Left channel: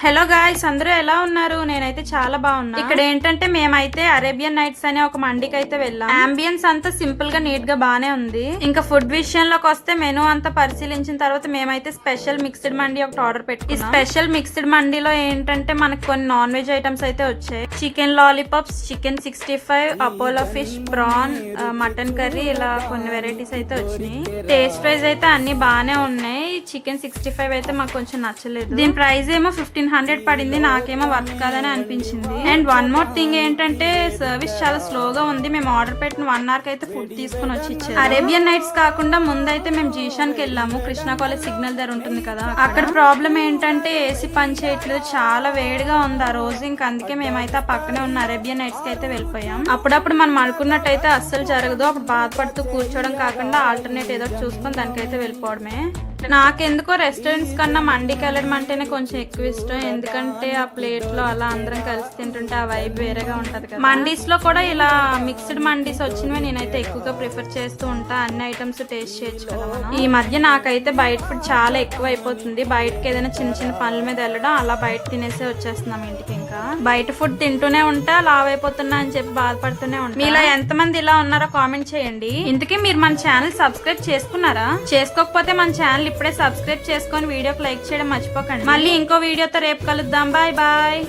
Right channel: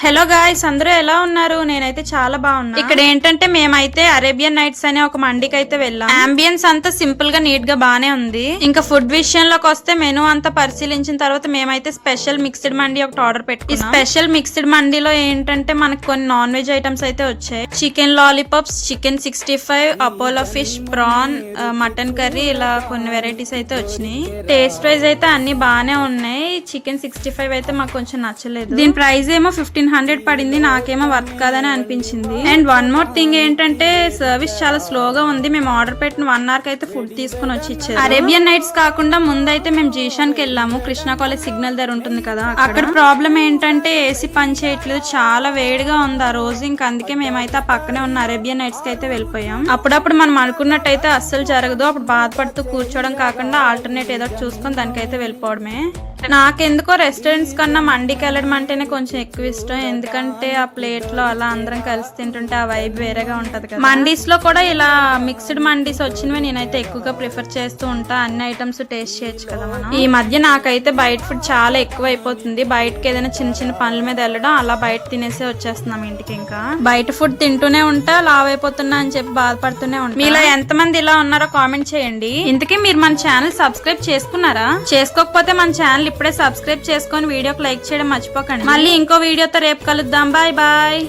Hello guys, అందరూ ఎలా ఉన్నారు? నేనైతే చాలా బాగున్నా. ఇక్కడ ఏంటంటే మేమైతే అరేబియన్ నైట్స్ అనే ఒక మండికి అయితే వెళ్ళాం. అంబియన్స్ అంతా సింపుల్ గా నీట్ గా బానే ఉంది. ఇంకా ఫుడ్ విషయంలోకి వస్తే మెనూ అంతా పరిశీలించిన తర్వాత మేమైతే స్పెషల్ మిక్స్డ్ మండి ఒకటి ఆర్డర్ పెట్టుకున్నాం. స్పెషల్ మిక్స్డ్ మండిలో ఏంటంటే మనకు కొన్ని నాన్ వెజ్ ఐటమ్స్ అయితే వచ్చాయి. Chicken lollipops, chicken 65, Apollo fish, prawn, mutton curry, ఇలా కొన్ని వెరైటీస్ అయితే వచ్చినాయి. టేస్ట్ వైజ్ అయితే అన్ని బానే ఉన్నాయి. చికెన్ 65 అయితే మాకు కొంచెం నచ్చలేదు. దీని ప్రైస్ ఏమో 1500 పడింది. నాకేమో వర్త్ కాదని అనిపించింది. అండ్ వన్ మోర్ థింగ్ ఏంటంటే సర్వీస్ చాలా స్లోగా ఉంది. మేము ఆర్డర్ పెట్టిన 1 hour కి అయితే ఫుడ్ తీసుకుని వచ్చి ఇచ్చారు. అరేబియన్ నైట్స్ కాకుండా ముందైతే మేము జీషాన్ కి వెళ్ళాము. కృష్ణా కాలేజ్ సిగ్నల్ దగ్గర ఉంటుంది కదా, అక్కడ ప్రాబ్లం ఏంటంటే ఏసీ పని చేయట్లేదు, చాలా వేడిగా ఉంది ఆ రోజు. ఇంకా అందుకే మేమైతే ఆ పక్కనే ఉన్న అరేబియన్ నైట్స్ కి అయితే వెళ్ళిపోయాం. అప్పుడప్పుడు మనం అనుకున్నట్టయితే అస్సలు జరగదు. అప్పుడు బాధపడుతూ కూర్చోవడం కాకుండా ఆల్టర్నేట్ ఏదో చూసుకొని దానికైతే వెళ్ళిపోవడమే. నాకెందుకో రెస్టారెంట్స్ కన్నా మండికి వెళ్ళడం అంటేనే కొంచెం ఎక్కువ ఇష్టం. ఎందుకంటే ఆ ప్లేట్ లో అలా అందరం కలిసి తింటుంటే ఆ వైబ్ వేరేగా ఉంటది కదా. మండీస్ లో కూడా ఇలా మిక్స్డ్ మండీస్ వచ్చినవి నేనైతే ఎక్కువగా ప్రిఫర్ చేస్తూ ఉంటా. అన్ని ఐటమ్స్ టేస్ట్ చేయొచ్చు కదా మనం. ఈ మధ్య నాకైతే బయట ఫుడ్ చాలా ఎక్కువ అయిపోతుంది. బయటకి ఏదైనా చిన్న చిన్న పనుల మీద వెళ్ళడం, అలా బయట తినేసి వచ్చేస్తున్నాం ఇంటికి. ఇంకా బయట ఫుడ్ తింటూనే ఉంటా, లావ్ అయిపోతున్నా అని చెప్పి బాధపడుతూనే ఉంటా. మీలో ఎంతమంది ఇలా ఉన్నారో కామెంట్ చేయండి. ఇంతకీ మీరు మన ఛానల్ సబ్స్క్రైబ్ చేసుకున్నారా? చేసుకోకపోతే మన ఛానల్ ఇప్పుడే సబ్స్క్రైబ్ చేసుకొని వీడియోకి లైక్ చేయడం మర్చిపోకండి. మళ్ళీ ఇంకో వీడియోతో రేపు కలుద్దాం. Bye bye.